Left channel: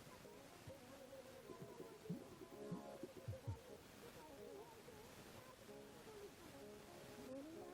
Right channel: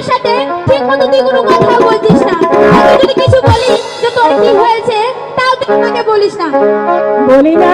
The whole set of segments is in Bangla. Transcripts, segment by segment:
আমার সাথে ঠিক মতো তুই কোনো কথা বলছিস না। আমি যদি কিছু বলি যে তোর কি হয়েছে তাও তুই আমাকে বলিস না। বলি না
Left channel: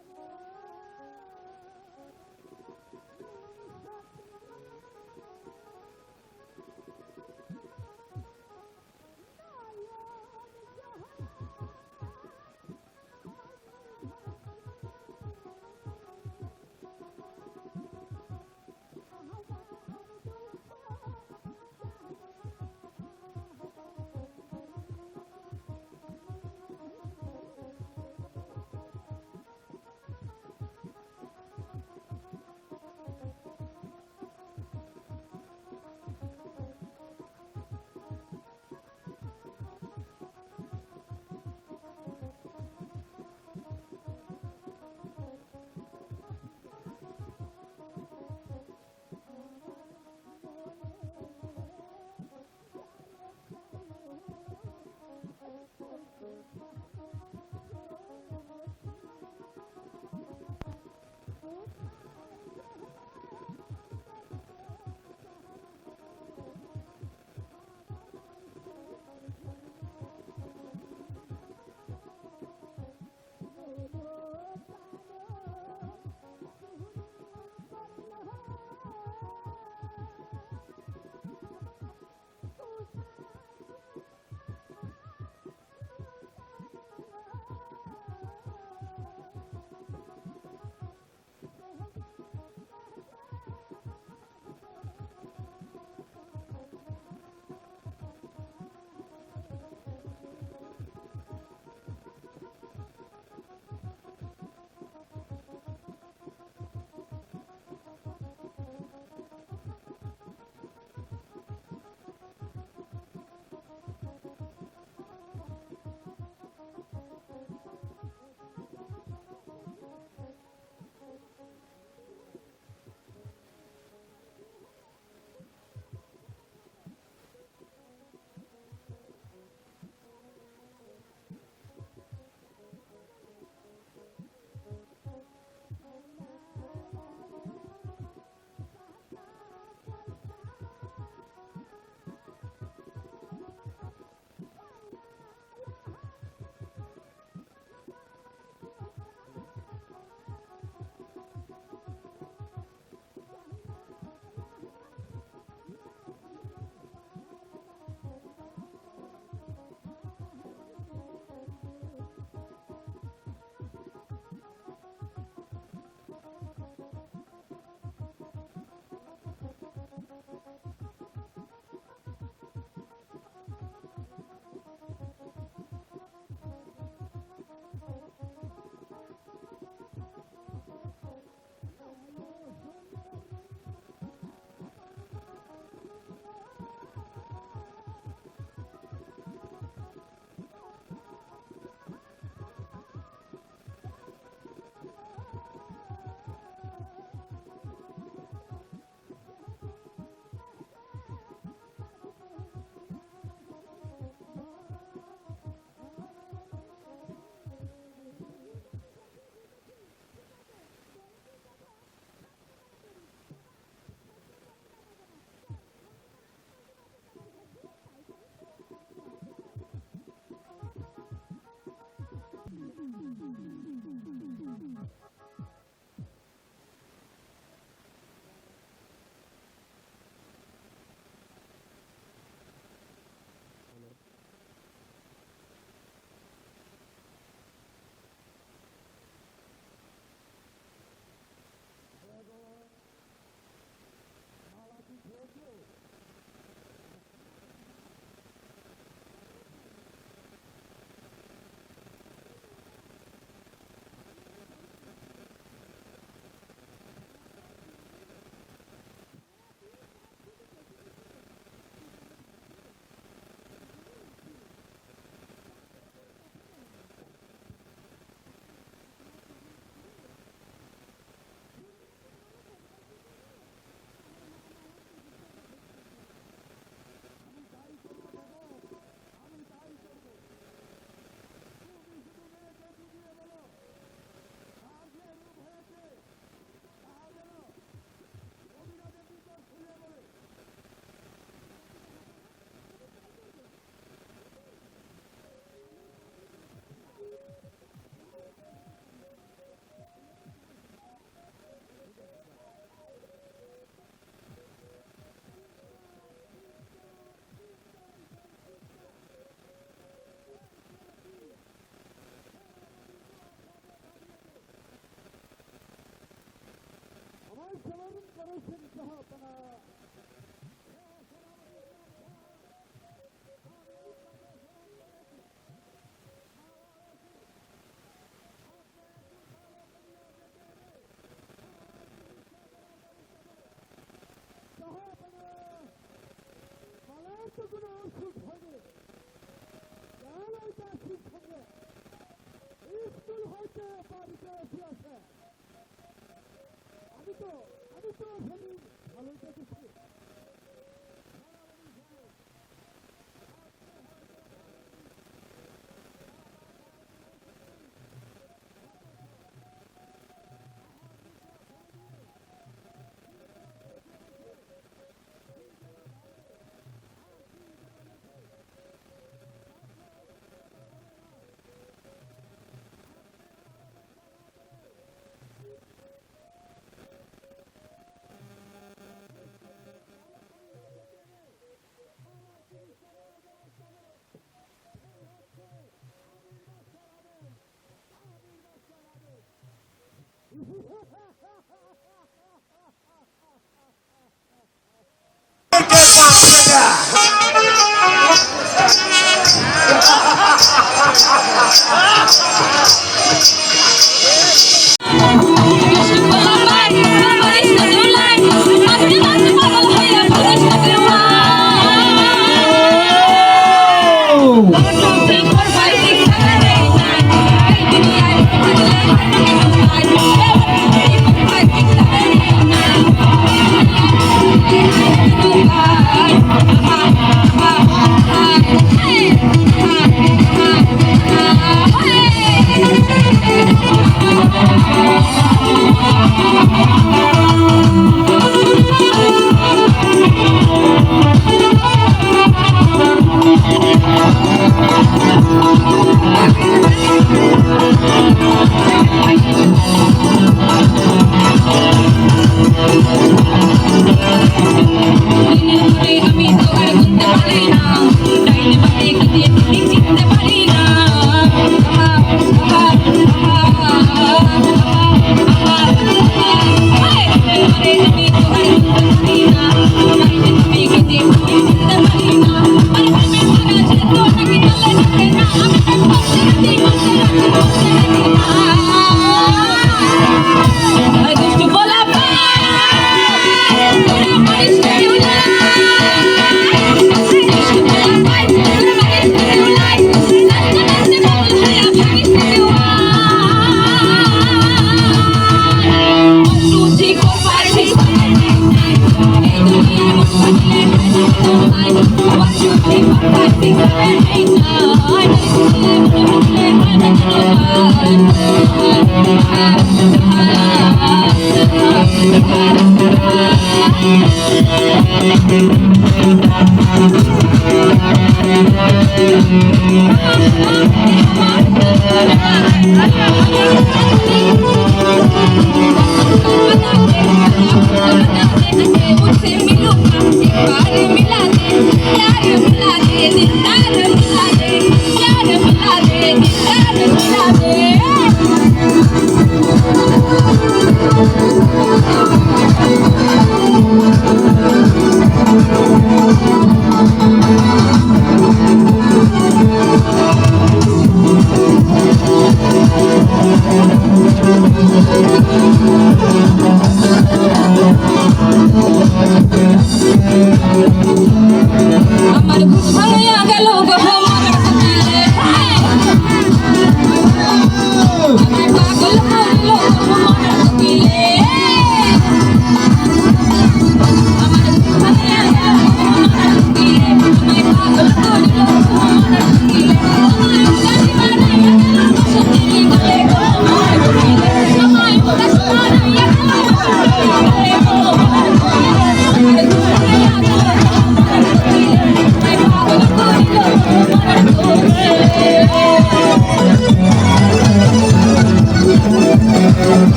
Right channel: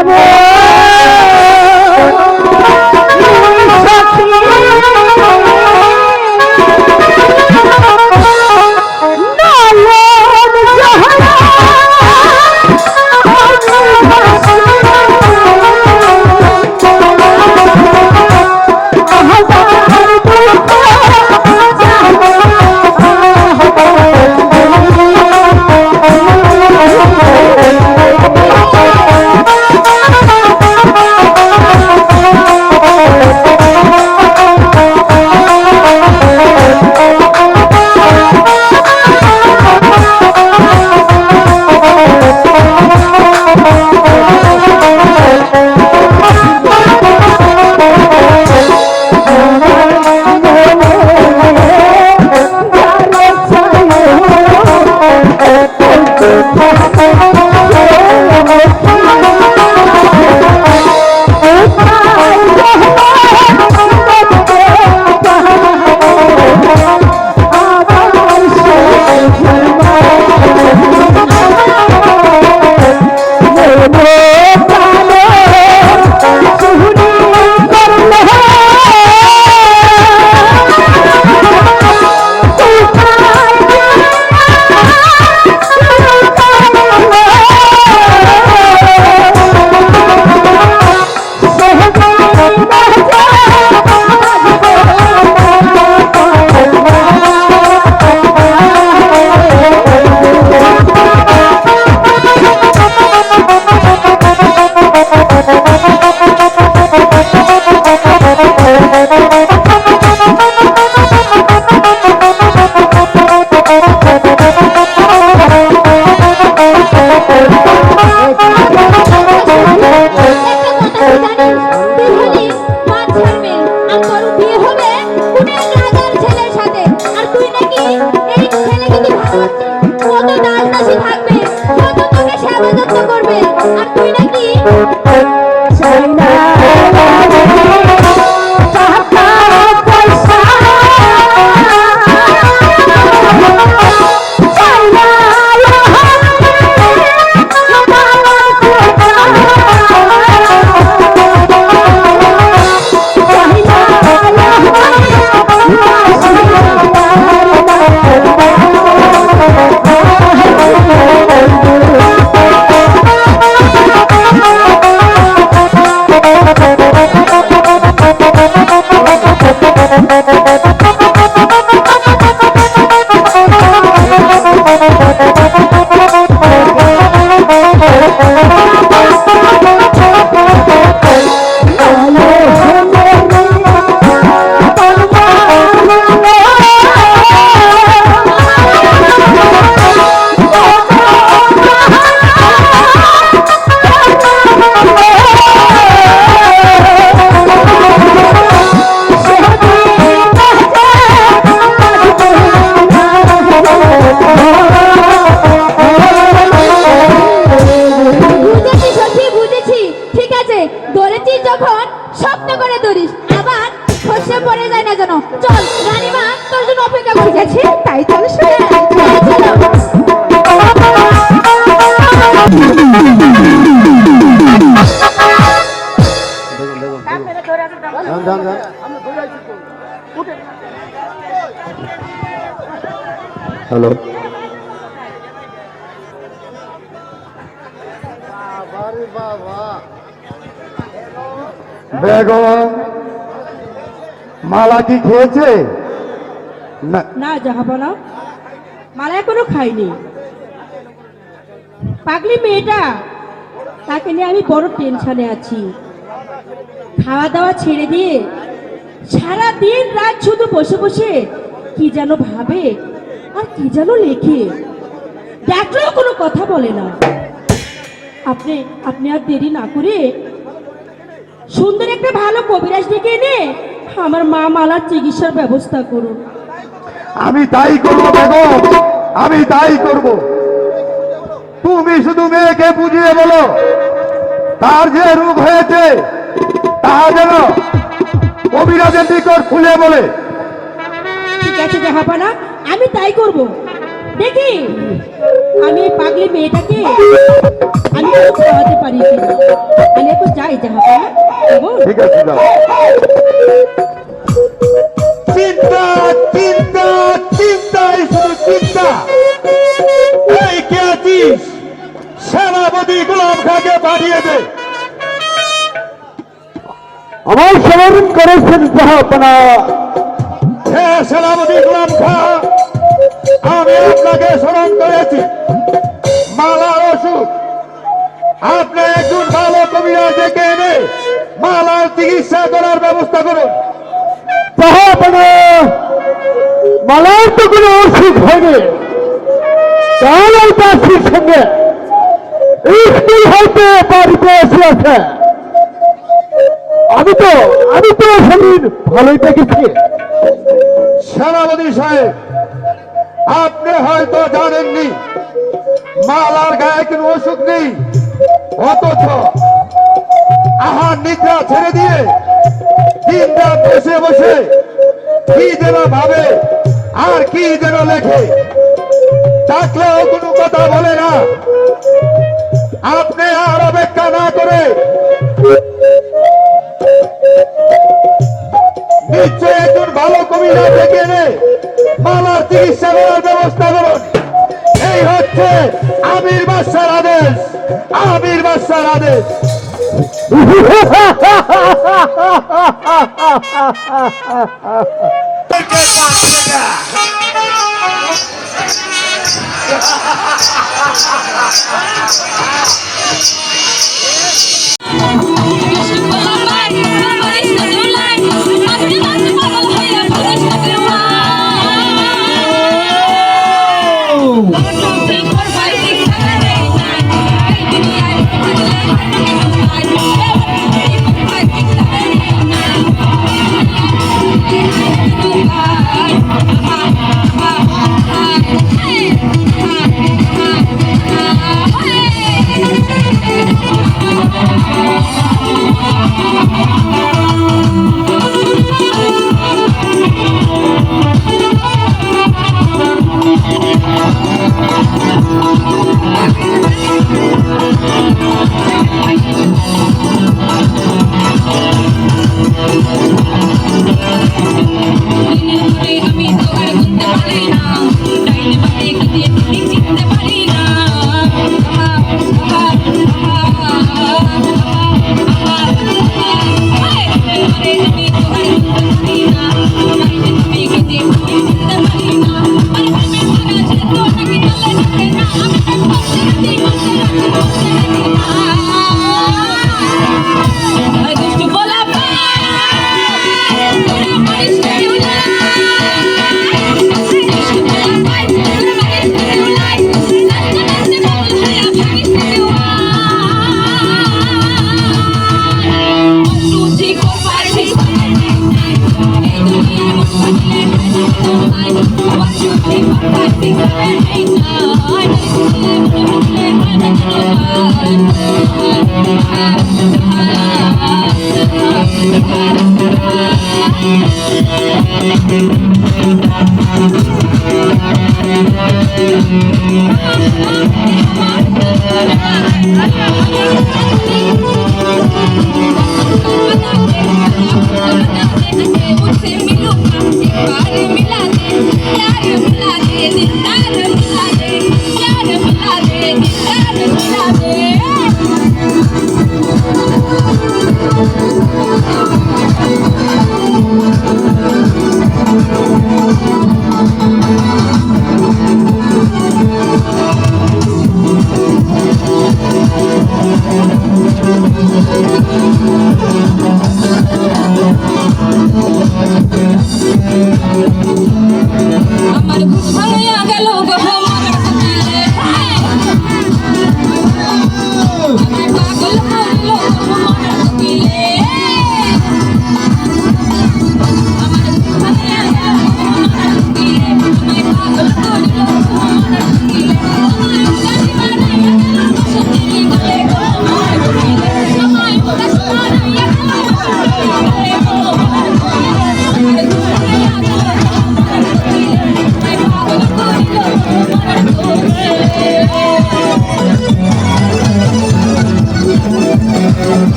বেগম, মালা কি খেয়েছে? না। না জাহাপনা মালা এখনও খাইনি। পাগলি মেয়েটা, তাকে নিয়ে আমি বড় টেনশনে আছি। খাওয়া দাওয়া ছেড়ে দিয়ে সারা দিন রাত শুধু বসে বসে কি যেন ভাবে আর কি যেন লেখে। দেখলেও কোনো কথা বলে না। আপনি আপনি আর দেরি না করে সুন্দর একটা ভালো কবিরাজ ডেকে এনে আমার মা মালার চিকিৎসার ব্যবস্থা করুন। আমি তাই করব বেগম আমি তাই করব। তুমি শুধু মেয়েকে বুঝিয়ে বলো তার যে রূপ হয়েছে তা যেন কবিরাজের নিকট খুলে বলে। ঠিক ঠিক আছে জাহাপানা আমি তাই করব। দেখি আমি পাগলি মেয়েটাকে আমি একটু খাওয়াতে পারি আমি একটু যাই কেমন ঠিক আছে যাও। চিন্তা চিন্তা চিন্তাই শুধু চিন্তা। এই কে আছিস? সেনাপতি গোলাম খাকে পাঠিয়ে দে। আমার স্মরণ করেছেন জাহাপনা হে সেনাপতি গোলাম খা আমি আপনাকে স্মরণ করেছি। ওষুধ আপনি একজন ভালো কবিরা ডেকে এনে মালার চিকিৎসা করার ব্যবস্থা করুন। মালার তো কোনো অসুখ হয়নি। তাহলে দাসির সঙ্গে স্কুল হইতে বাড়িতে এসে আছে আমি তো আমি তো শরীর ভালোই দেখেছি। সেনাপতি সাহেব আপনি হয়তো জানেননি মালার গায়ে কোনো অসুখ নেই। অথচ আহার নিদ্রা ছেড়ে দিয়ে দিন বসে বসে কি যেন ভাবে, আর কি যেন লেখে। ডাকলেও কোনো কথা বলে না। আপনি আর অপেক্ষা না করে নিশ্চয় একজন ভালো কবিরা ডেকে এনে মালার চিকিৎসা করার ব্যবস্থা করুন। এই হচ্ছে আমির বাদশার আদেশ আমির বাদশার আদেশ। আমি Thank you.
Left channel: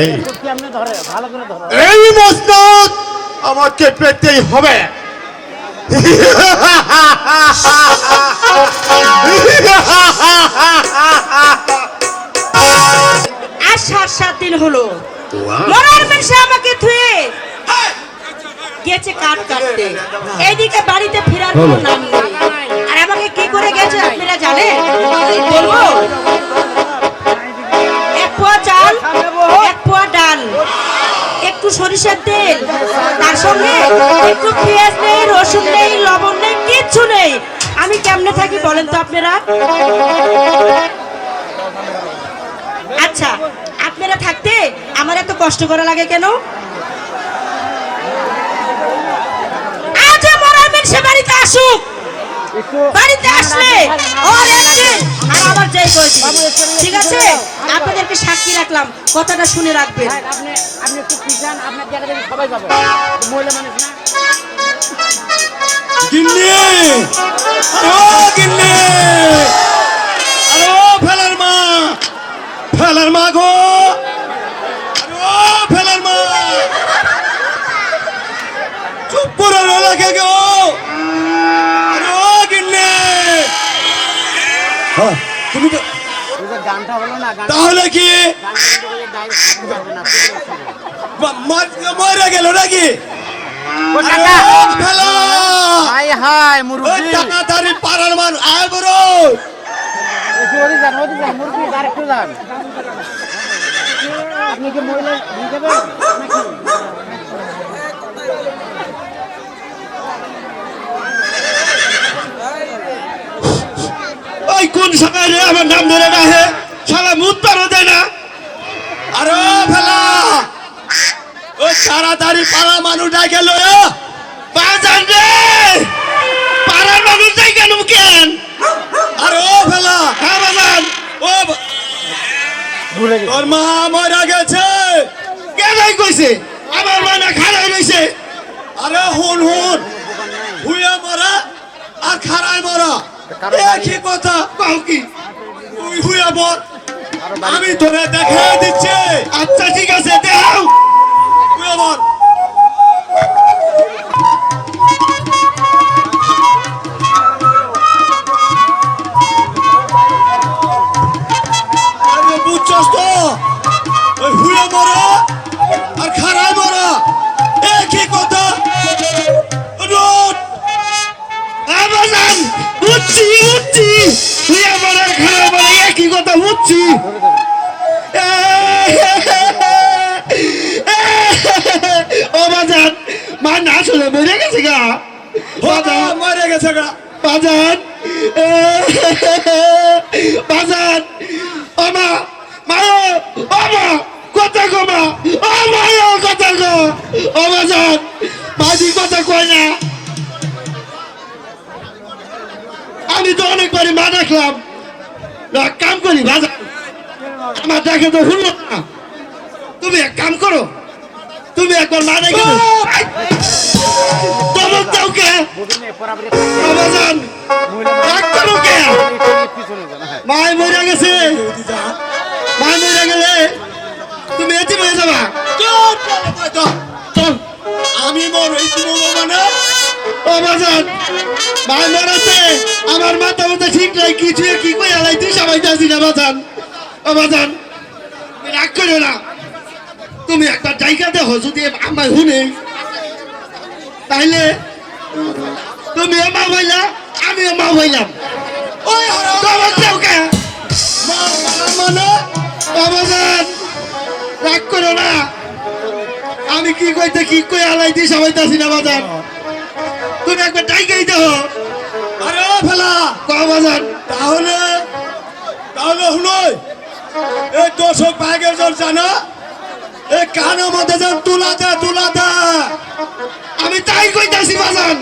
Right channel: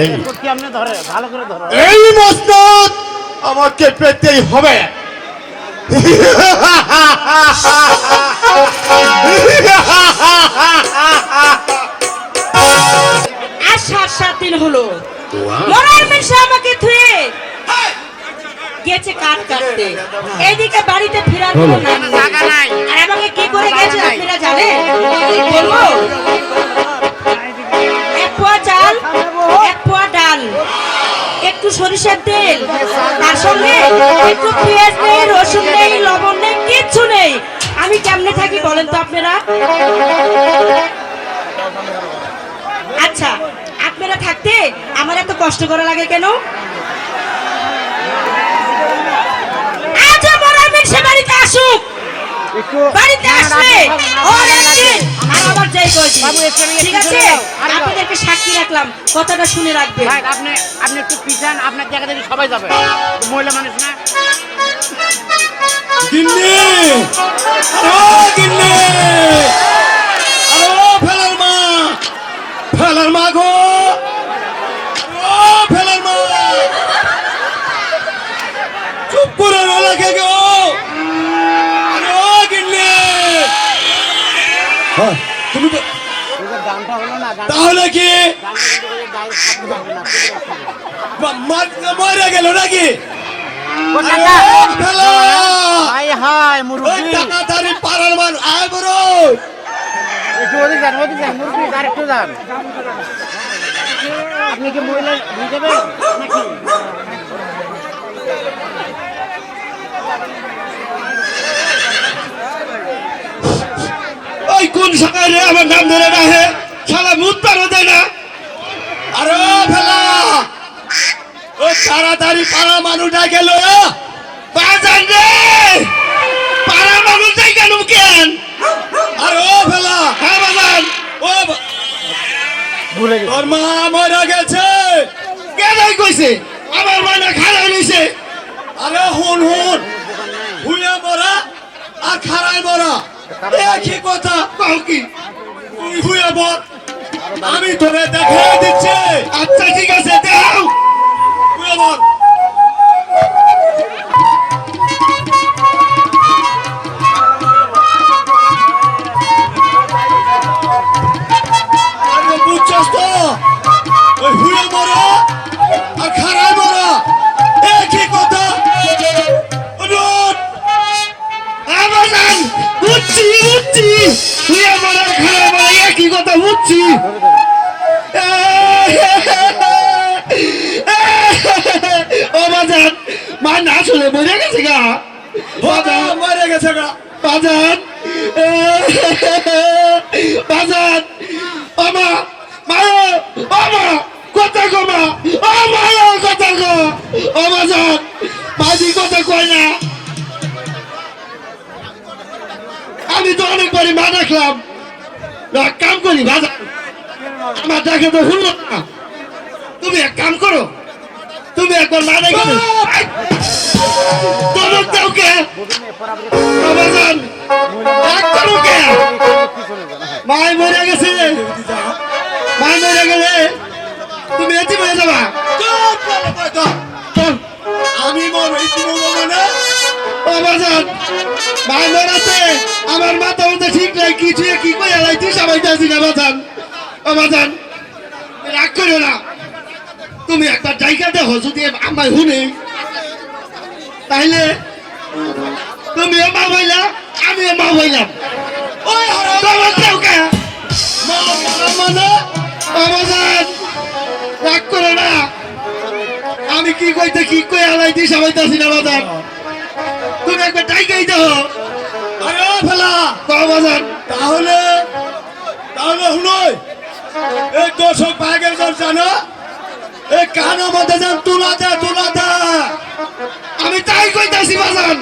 এই। এই মসনদ আমাকে পেতেই হবে। আর সাত সাত দিন হলো মরার মেশে আমাকে থুয়ে গেছে কাঠ কাটতে। এইদিকে বাড়িতে ফেরার কোনো নাম নেই। আর আমাকে কি করে গেছে আপনারা জানেন? বলব। এক পোয়া চাল এক পোয়া ডাল একটু সরিষার তেল তার সঙ্গে একটু পেঁয়াজ নেই রসুন নেই লবণ নেই কিচ্ছু নেই। আমি কেমনে থাকি বলেন তো আপনারা? আচ্ছা আপনারা থাকতে আমার এত কষ্ট করা লাগে কেন আজ মরার সে বাড়িতে আসুক। বাড়িতে আসলে ওর একদিন আর আমার যাই করেছি ঠিক আছে? আপনাদেরকে সাক্ষী রাখলাম। কথাটা শুনে রাখবেন। আপনি আপনি একটু পিছান আপনার জায়গা থেকে সবাই যাবে। মহিলা মানুষ না? গিন্নি! ও গিন্নি! আরে ও ফেলার মা! ফেলার মা গো! আরে ও ফেলার মা! চুপ করে না লাগে গো তুমি তাহলে কি? মরে গেল নাকি? টাকাধারী পাড়ার মান আয় বড়। একটু ওদিক যান ওদিক যান মুরব্বি আর একটু যান। আপনি কি মহিলা নিয়ে যাবেন? নাকি ওই কোন সকালে আমার নাম ধরে রাখে? মুখ পারো দেয় না। আরে ও ফেলা। ওই তাড়াতাড়ি পাড়া মানুষ না গেল। বাজান রে। পাড়ার মানুষ যাই কেন কেন আরে ও ফেলা। হ্যাঁ বাজান। ও তোর মা মরা গেছে। কে যাই কইছে? আমার মা না খারাপ হইছে। আরে হুন হুন। হুয়ে মরা। আর খারাপ একই কথা? কাউ তুই হুয়ে মর আমি তোরে দেখা দিচ্ছে। আচ্ছা ঠিক আছে দেখাও। হুয়ে বুঝছস তো? ওই হুয়ে মরা উচ্ছি হুয়ে আমার আর খারাপ মরা একই কথা উচ্ছি ও বাজান মা না শুনে মরে গেছে গা। মরে গেছে গা। বাজান না কাম করি বাজান আমার দেখে তো হলো না। তুমি এক কাম করো। তুমি একবার মা ডেকে দাও। দাও কে বাবাজান এক করো কে? মাই মরে গেছে। মাই মরে গেলে তুমি এতে মরে যাবা। আমি মর হইছি মানে ও বাজান মাই মরাতে আমার মাথা মাথা ঠিক নাই কিছু কি কই আলাইতে সবাই যাচ্ছি না বাজান? ও বাজান রাগ করো না। তুমি একবার জায়গা দেখো, যদি আমায় হুনে তাইলে তুমিও মা হইলা আমিও মা হইলাম। ওই তোমার দেও কে মা মা মানে? বাবাজান রাগ করো না। আমি কি কইতে, কি কই আলাইতে সবাই যাচ্ছি না বাজান? তুমি একবার ডাইকেই দেহ আরে ফেলা কবাজান তাহলে তাহলে শুনোই এই দর্শক ভাগের দল জানো এই কানো মধ্যে যান তুলা দা তুলা দা আমি তাই কইতাছি বাজান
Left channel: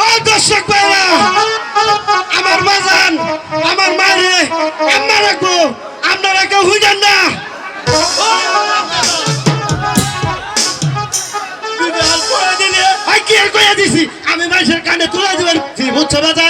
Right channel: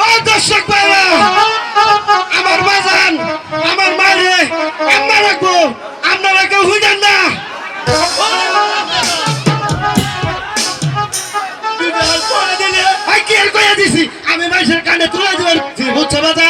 ও দর্শক ভাইরা আমার বাজান আমার মারে আম্মা রাখব আপনারা কেউ হুইজান না। কি আর কইয়া দিছি? সভা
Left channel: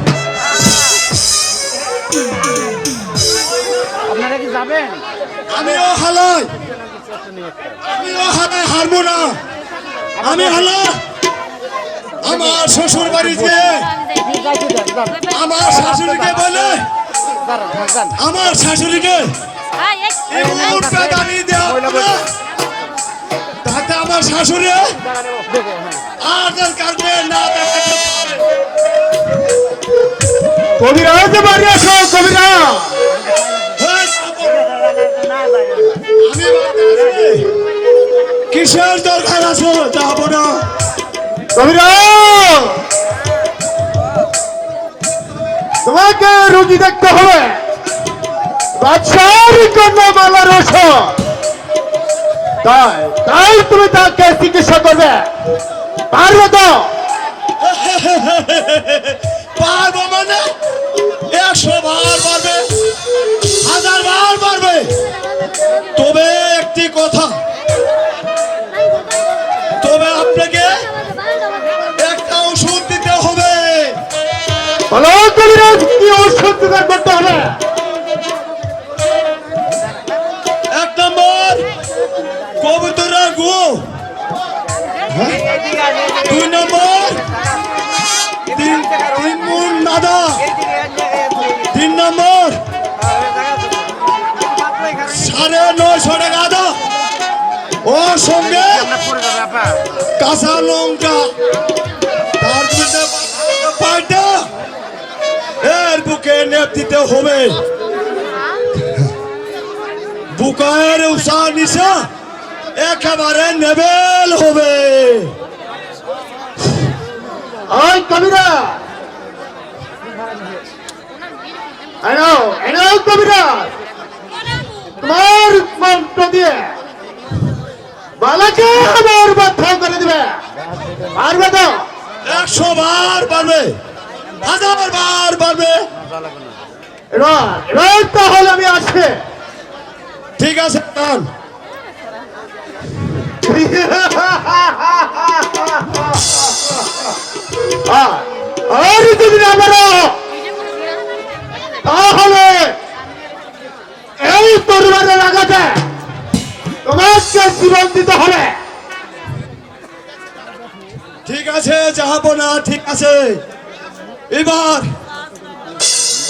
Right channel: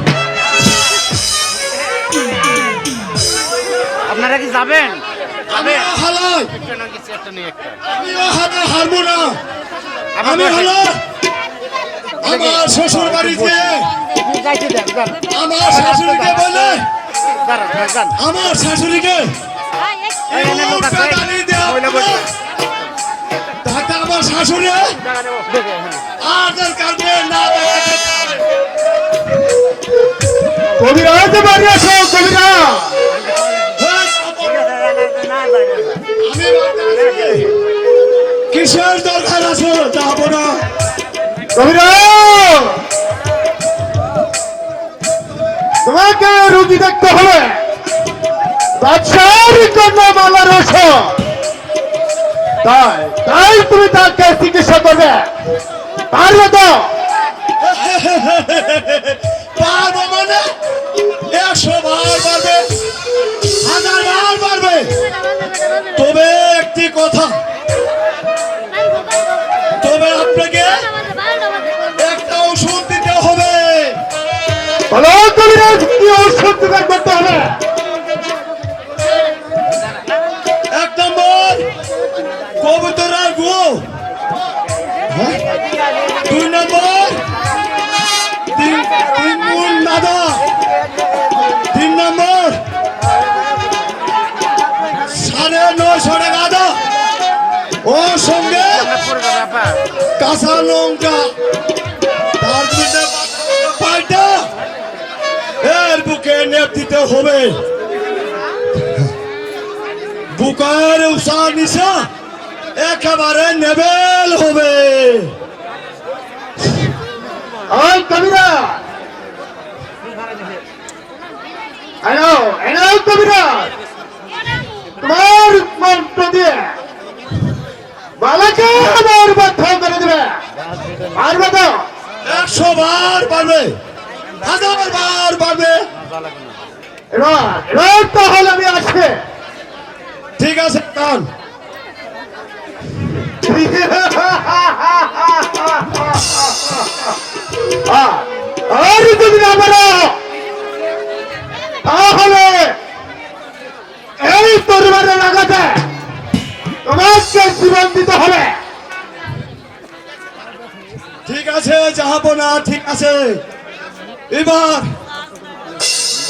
যাবেন? আমিও হালাল আমিও হালাল হারবো না। আমি হলো আমার শ্বশুর বাড়িতে আমার শাশুড়িকে বলে আমার শাশুড়িকে। তাতে আমার শাশুড়ি আধার কার্ডে না। কবিরাজ বাড়ি আসো কবিরা কিসের দরকার আছে? যাব না তোমাকে রুগী দেখতে হবে। বাদশাহর কন্যা মালা রস তাই তাই তুমি তাকে চিকিৎসা করবে। পারবে তো পারব মানে? একশো বার পারবে। কথা। তবে আপনাকে একটা ওষুধ দিতে হবে। জোগাড় করতে হবে? এক নম্বর কবুতরা গু। হ্যাঁ? দুই নম্বর তিন তিন গুণ মাদা সাড়ে নশো টাকা আদা ও সঙ্গে কাঁচা লঙ্কা তার মধ্যে পাল্টা এর বুকে নেপ দিতে হবে। বুকের উষা নিশা একেবারে নেবেল হবে। ওই কবিরা। আনো এনো কবিরা। তোমার মন্ত্র দিয়ে বালাকে আমার বাধ্য করে দেবে। পারবে তো? একশো বার পারবে। হাজার বার পারবে। তাহলে আমি আসবে। ঠিক আছে তান আর যদি না জীবন দিতে হবে। ঠিক আছে যাব না ঠিক আছে। এবার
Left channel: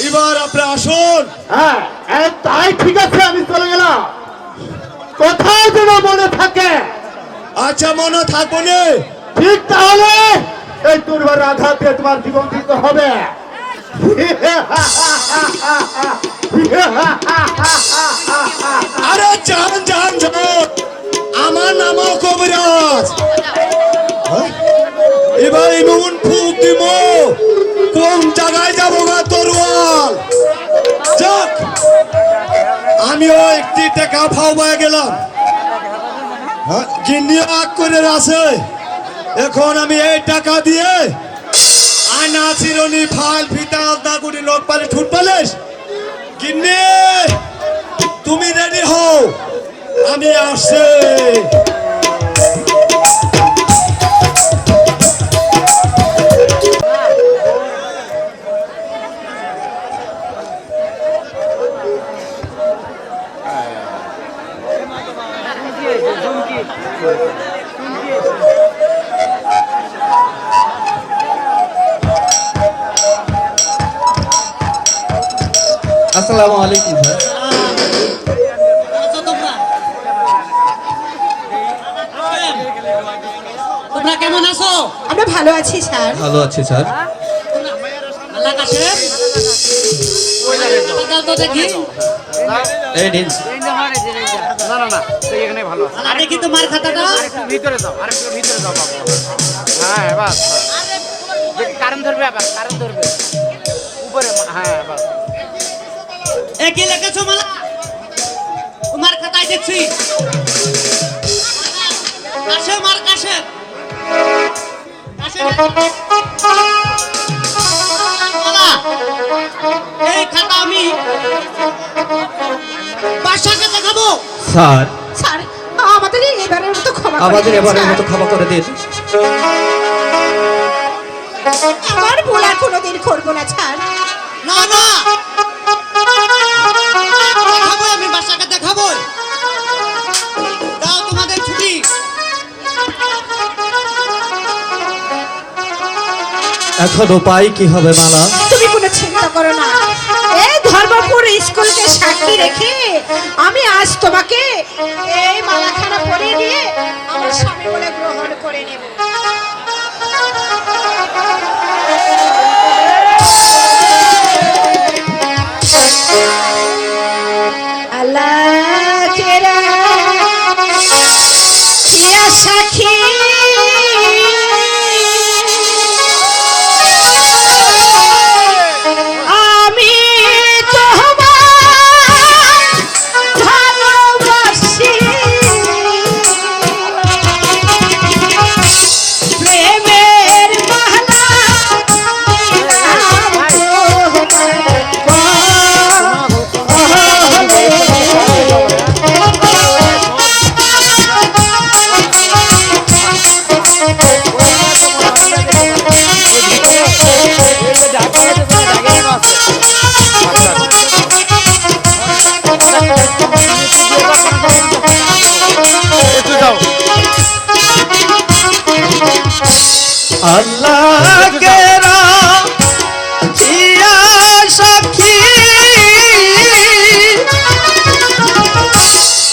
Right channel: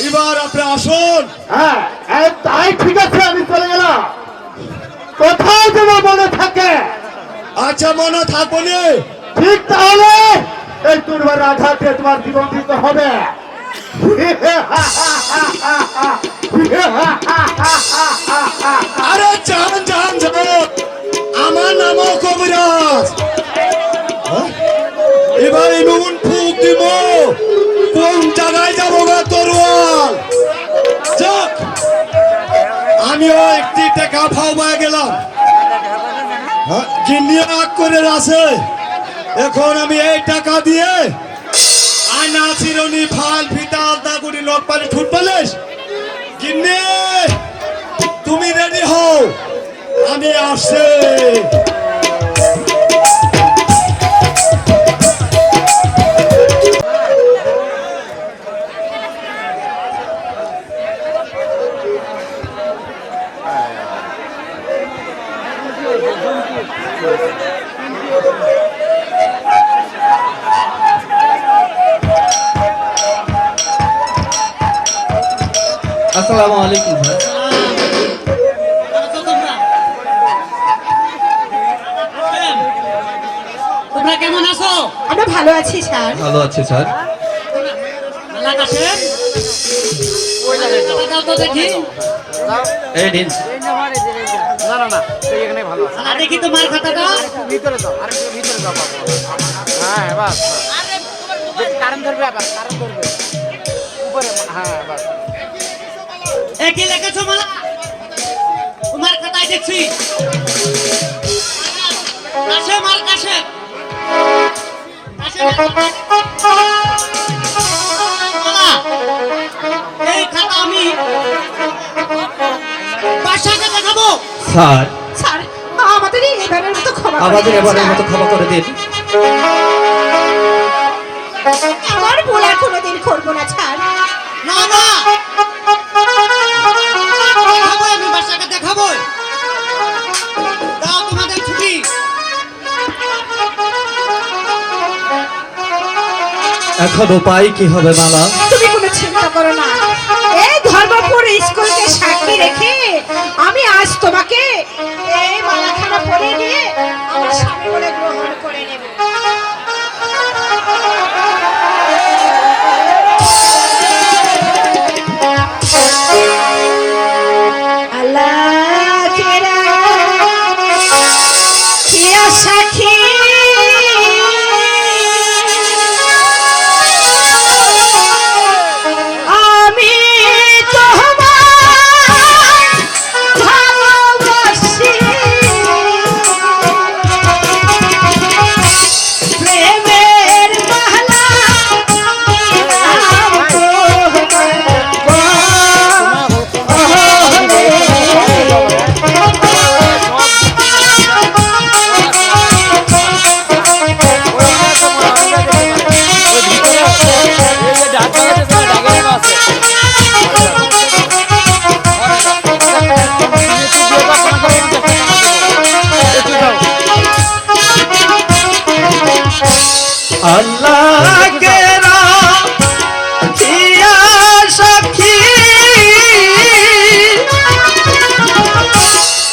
এবার আপনি আসুন। হ্যাঁ এই তাই ঠিক আছে আমি চলে গেলাম। কোথাও যেন মনে থাকে। আচ্ছা মনে থাকব ঠিক তাহলে এই তরবার আঘাতে তোমার জীবন দিতে হবে। আরে যান যান যান। আমার নামও কবিরাজ হ্যাঁ? এবার এমন ফুক দিব। কোন জায়গায় যাব গা তরোয়াল? যাক আমিও একটি টাকা ফাও বয়ে গেলাম। হ্যাঁ, গিন্নি করে আছে এখন আমি এই টাকা দিয়ে আয়না চিরনি ফাল ফিতা আলতা করি লোক পালে ঠুট পালিস গিন্নি তুমি রেডি হও। আমি আসছি। আসসালামু আলাইকুম ভাই। ভালো আছি স্যার? ভালো আছি স্যার। দেখি তোমার খাতাটা? ভিতরে দাও আর ভিতরে দাও হ্যাঁ বাস কারেন্ট ধরবে আবার কারেন্ট ধরবে। উপরে হ্যাঁ বাস। মালা? তোমার খাতায় দেখছি। মার এই খাতা আমি বাসাকে দেখাবো। স্যার। স্যার আমাদের এবারের মতো ক্ষমা করে আমাদের দিন, এবারের মতো ক্ষমা করে দিন। আমার বলার কোনোদিন করব না ছাড় না না। এখন উপায় কি হবে মালা? তুমি কোনো চিন্তা করো না। এই ধর্মপুর স্কুলকে সাক্ষী রেখে আমি আজ তোমাকে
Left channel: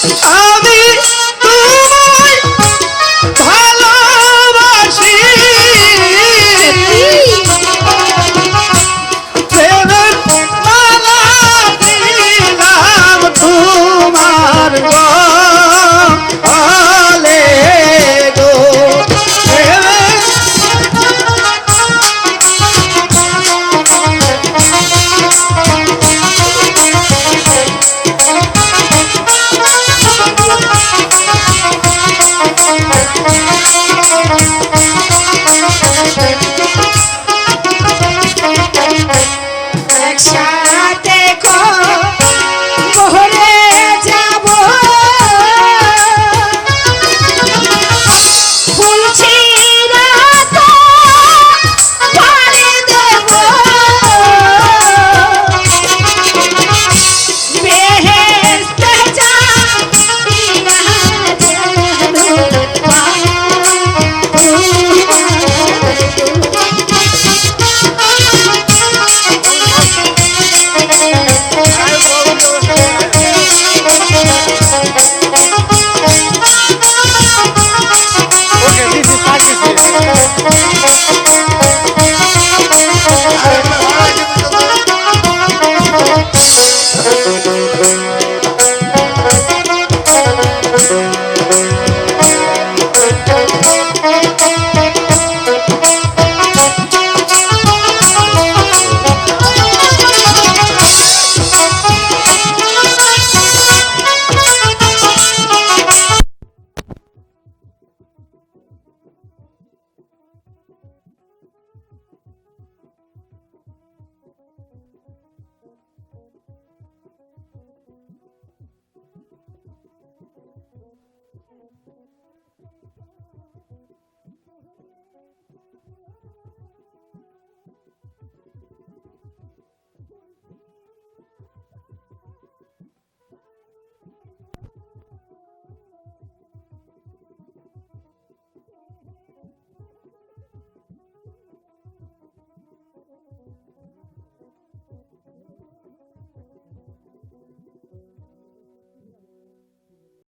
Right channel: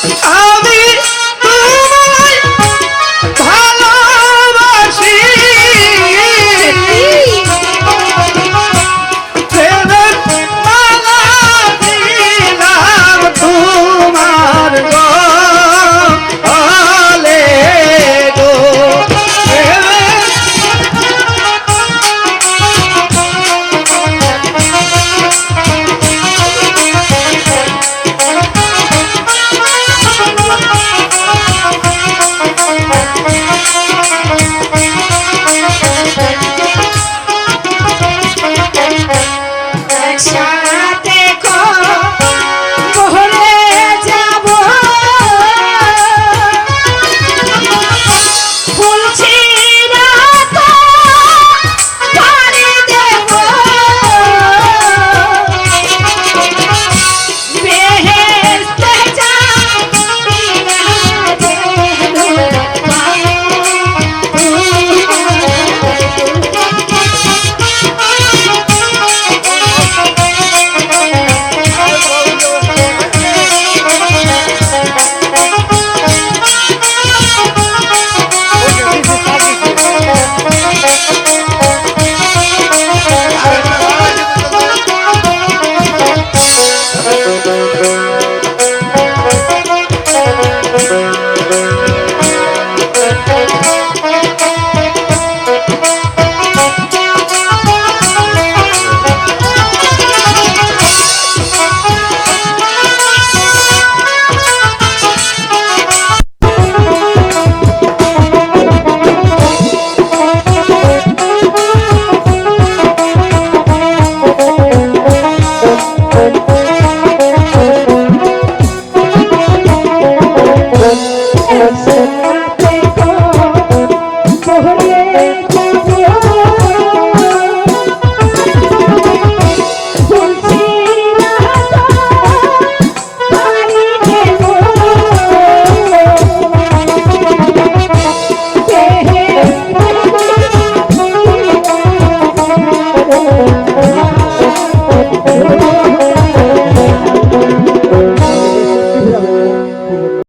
I